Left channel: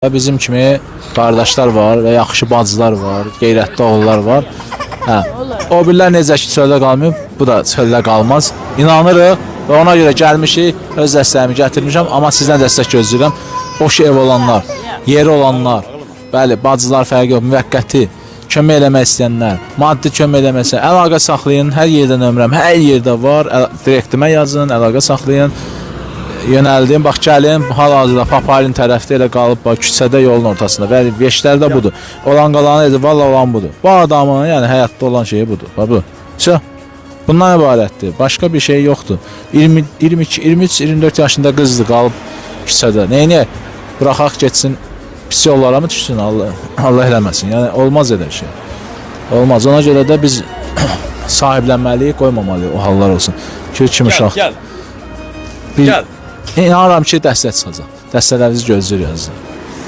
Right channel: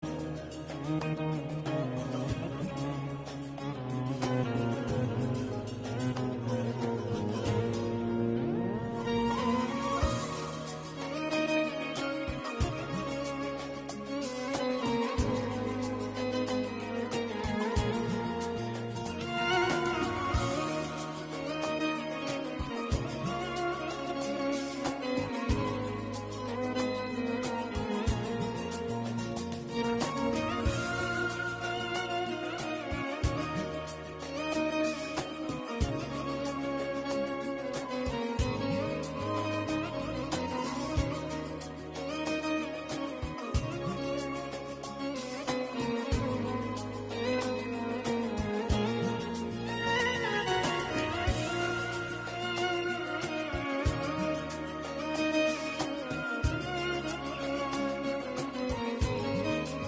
Bizim kimi qardaşlar var və yaxşı bacılar var, qeyrətli oğullar var. Hə. O birlər necə ki çöldə qalmayıb, bu da çöldə qalmaz. İnanırıq və ona görə gəlmişik, öz dəstəyimi gətirmişəm, amma sizdən dəstək gözləyirəm. Boş ev olanlar, yeri olanlar, bəli, bacılar fərqi yox, müvəqqəti kömək eləmək istəyənlər, maddi kömək eləmək istəyənlər, əlaqə saxlayın, hər yerdə nömrəm, hər yerdə var, direktimə yazın, əlaqə saxlayın. Yönəldim, bax gəlin, hal-hazırda Papayın tərəfdə elə qalıb, bax küçədə yolun ortasında və veşlərdə budur. Olan qalanı edir, valla olan budur. Bu adamın, yəni həyatda olan şeyi budur. Bax bu. Bundan ibarətdir. Başqa bir şey yoxdur. 22, 23, 24 yaşında qızdır qalıb küçədə. Neyini? Bıraxaq getsin, pis yollara mı düşsün? Allah eləməsin. Yəni olmaz elə şey. Olmaz. Ona görə də biz sahiblənməliyik, qoymamalıyıq o hallar olsun. Kimi uşaq. Gəl. İnanıram ki, dəstək çıxacaq. Dəstələrinizi gözləyirik.